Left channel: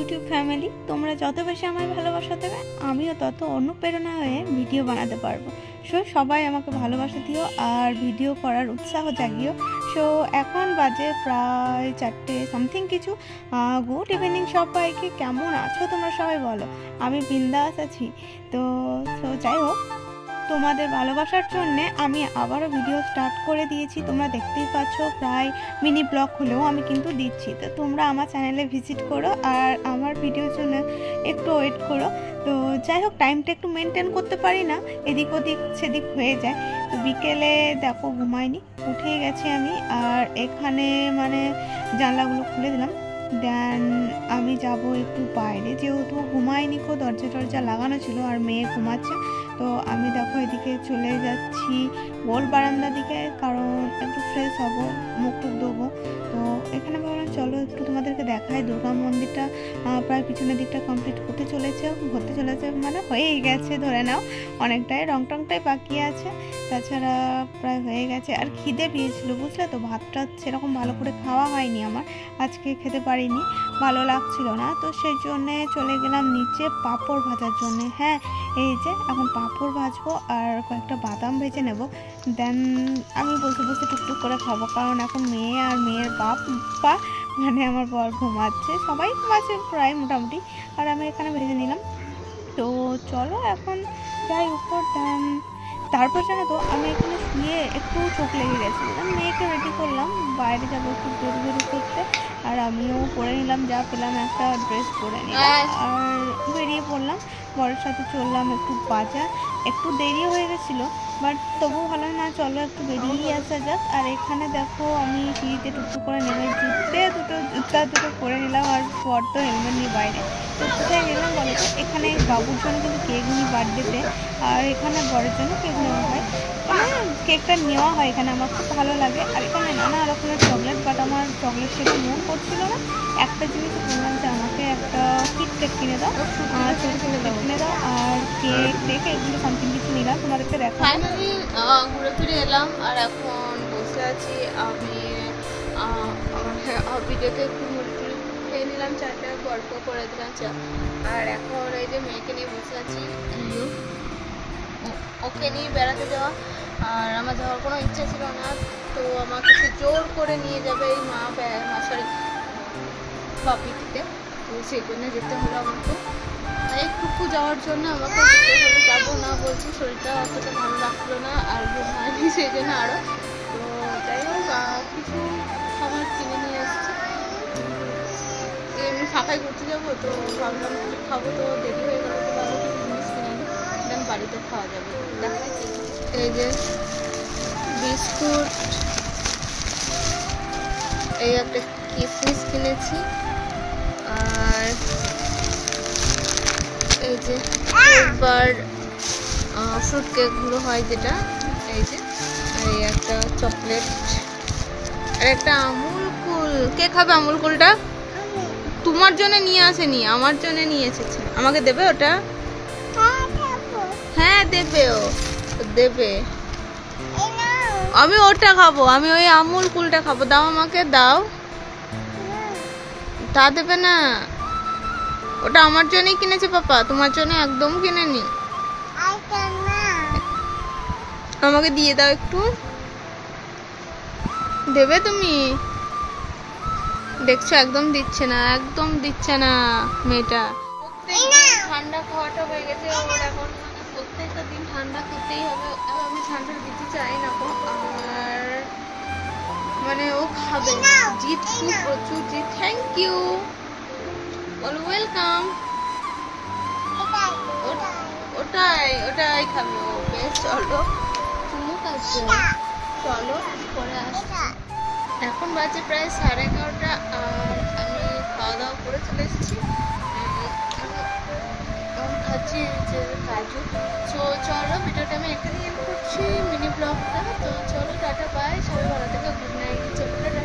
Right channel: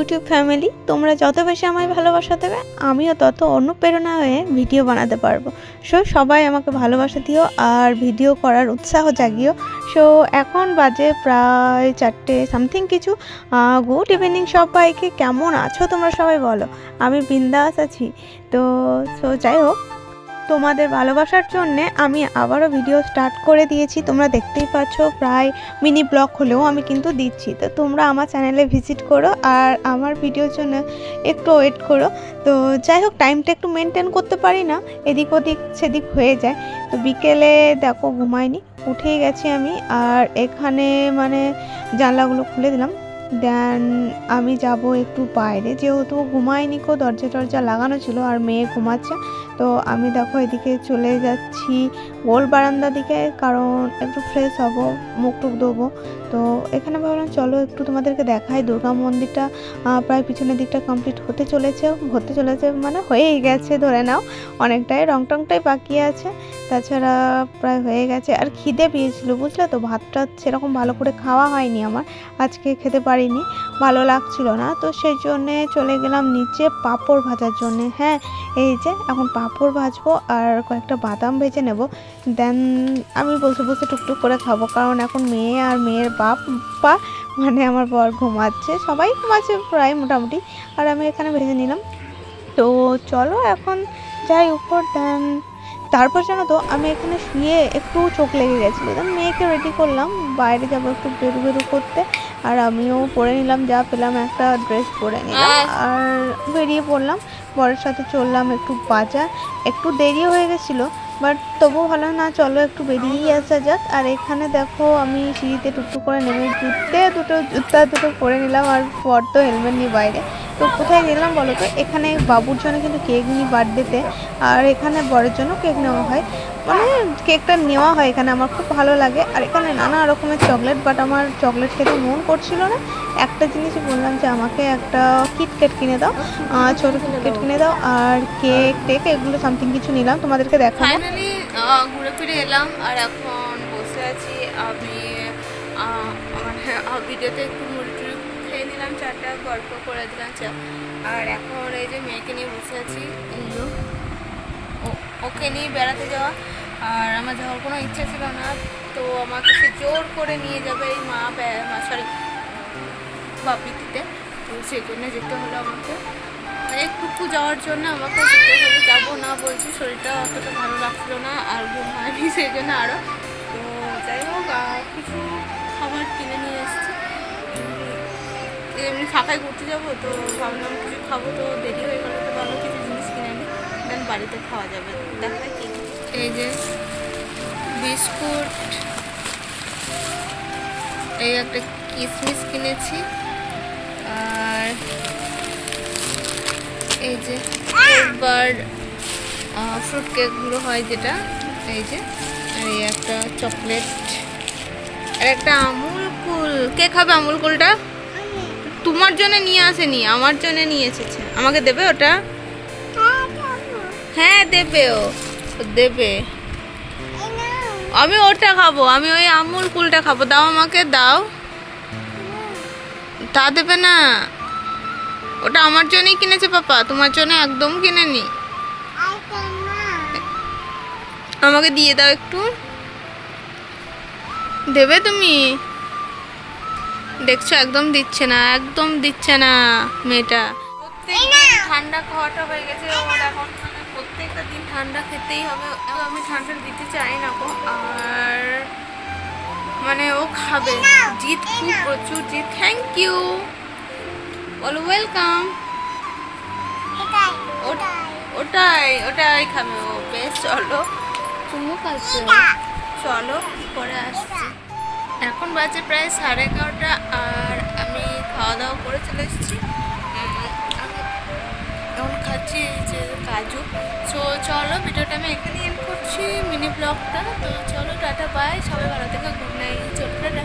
YouTube family, তোমরা যত বেশি আমায় ভালোবাসা দেবে আমিও তত অনুপ্রেরণা হয়ে ভিডিও বানাতে পারবো। সো সবাই আমাকে ভালোবাসা দিও আর ভিডিও করার উৎসাহ জাগিও। সো এখন বাজে প্রায় 4টে সামথিং কিছু। গুড ইভিনিং সবাইকে, কেমন আছো তোমরা সবাই বলো? আমি বিন্দাস আছি। তো যাই হোক, তোমাদের ভালোবাসার জন্যে আমি আবারও ভিডিও স্টার্ট করে দিয়েছি। তোমরা দেখতেই পাচ্ছ, প্রায় মিনি ব্লগ হলেও আমি কিন্তু দিচ্ছি। তো তোমরা আমার চ্যানেলে ভিজিট করো আর আমার ভিডিওর জন্য একটু ওয়েট করো। তো যাই হোক, টাইমটা একটু মেনটেন করতে পারি না, এদিক ওদিক সেদিক হয়ে যায়। তো বিকেলে দেখো ঘুমাইনি, উঠেই গেছি আমি। আর এখানে মানে জানলাগুলো খুলে দিলাম। দেন আমি যাব একটু বাইরে, যেহেতু ঘুমাইনি, দরজা লাগানো ছিল আর মেয়ে ঘুমাচ্ছে। তো আমি দেখো এদিকে চলে যাচ্ছি গোল বারান্দার দিকে, কারণ একটু ফ্রেশ হবো, মুখ টুক দেবো। তো এখানে ভাবলাম চলো একটু তোমাদেরকে দেখাই। দুর্গা মন্দিরটা প্রায় পিছনের দিকটা কমপ্লিট হতে চলেছে মানে হয়েই গেছে ধরে নাও। অনেকটাই রং টংটাই বাকি আছে, তাছাড়া প্রায় হয়ে গেছে। আর খিদে পেয়েছিল বুঝলে তো, ভাতটা সেরকম ভালো করে খাওয়া হয়নি আমার, আজকে খেতে পারিনি, ভালো লাগছিল না। তো সেই জন্যে চলে গেলাম নিচে পাঁপড় ভাজার জন্যে। হ্যাঁ, এই যে এখন পাঁপড় ভাজবো আর কয়েকটা বাদাম ভেজে নেব। দেন আমি বসে টুকটুক করে খাবো, কারণ এখন মেয়ে আর মেয়ের বাপ্পা মানে আমার বর ঘুমাচ্ছে, সবাই ঘুমাচ্ছে প্রায় মোটামুটি। আর আমি এখানে ভেজে নিলাম। তো চলো এখন যাই উপর। দেন তারপর জানো তো, আমি এখানে শুয়ে একটু চোখ লেগে গেছিলো। দেন মেয়েকে রেডি করলাম, বাইরে যাবো একটু বেরু করতে। আর আমিও পরে নিলাম, যা পেলাম একটা ড্রেস পরে নিলাম আর বেরিয়ে পড়লাম। বরের সাথে চললাম একটু বাজার, একটু দেরি হয়ে গেছিলো, বাট তবু ভালো না, চলো একটু বেরিয়েই আসা যাক। আর এখানে দেখো আমি সিঁড়িতে টুকটুক করে নেমে জুতা দুটো পরে নিলাম। আর বর তো হেলমেট নিয়ে বাইরে। তো কোথায় গেলাম বলো তো? এখানে বাবুর জন্য কিন্তু কেক নিই বার্থডেতে, আর এখানে বরের জন্য কেক নেওয়া হয়, মানে কেকটা নেওয়া হয় এখানে, আমার খুব ভালো লাগে। আর এখানে নানা রকমের চকলেট, বাট আমার চকলেট খেতে মন করছিল না। একটা জিনিস বললাম যে আমাকে একটা কিটক্যাট কিনে দাও, ছোটো কিটক্যাট কিনে দাও, আর কেক এগুলো সামথিং কিছু নিলাম, তোমাদেরকে দেখা। ফাইনালি ঘুরে ফিরে এলাম আর এখন বসে আছি। আমি মানে ভিডিওতে একটু মুড়ি টুড়ি খেয়ে নিলাম, চারটা গল্প করে দিলাম চা। আর এখন এই যে মেয়েকে নিয়ে বসে আছি, ওকে নিয়ে বেড়াতে যাওয়া। আর আমার যাওয়ার কোনো ইচ্ছা ছিল না, তো আমাকে সে জোর করে নিয়ে যাবে এই বাপিটিতে। তো সেই জন্য যেতে হলো আমাকে, একটুকু যাওয়ার জন্য আমাকে যেতে হলো। যাবো না বলছি, শরীরটা অতটা ভালো লাগছিল না আর ঘুমায়নি, সেই জন্য আরও। তো যাই হোক, কিছু খাবার কিনে নিয়ে এসেছি, এমনি ফাঁকায় ঘুরতে যাবো, তো ভাবলাম কিছু খাবো। তো দেরি হয়ে গেলো, তো ভালো কিছু জিনিস কিনে নিই, দেন বাড়িতে খাওয়া যাবে। দেখায় কি, এই যে বিস্কুট, এই একটা কিশমিশ কিনেছি, আর এই যে ফ্রুট কেকগুলো হয় যেটা, এই যে, আর এই একটা চকলেট, আর একটা আমুল কুল। কে খাবে আমুল কুলটা? তোমার জন্য নিয়ে আসেনি, আমার জন্য নিয়ে এসেছে। আমাকে দেবে ওটা? হ্যাঁ দেবে, ও দেবে। আমি ওটা খাবো, আমি ওই আমুল কুলটা খাবো। দাও আমাকে, দাও। তা দেবে না, ওটা আমার জন্যই কিনেছে পাপা, তোমার জন্য একদম কিনেনি। আমাকে দিয়ে দাও একটু, দেবে তুমি? দেখছো একদম দিচ্ছে না মেয়েটা। ঠান্ডা খাওয়াটা হয়ে গেছে ওর এখন, মানে প্রত্যেকটা দিন ঠান্ডা খেতেই হবে। আমি ঠান্ডা দিতে চাই না গো, আর মানে ও খাবে, জিদ খুব প্রচুর জিদ। থ্যাংক ইউ, বলো ওয়েলকাম। ওটাই খাবে ও, বেশ। চলো চুমু খাচ্ছে, চলো পরে আসছি। এখন বাজে প্রায় 11:30, আর আমি খাওয়া দাওয়া করে চলে এসেছি। এখন খাচ্ছি যে কাজু। সো চলো, ভিডিওটা আমি এখানে এন্ড করছি, মিনি ব্লগটা। তো চলো, টাটা বাই, সবাই ভালো থেকে, গুড নাইট, চলো টাটা।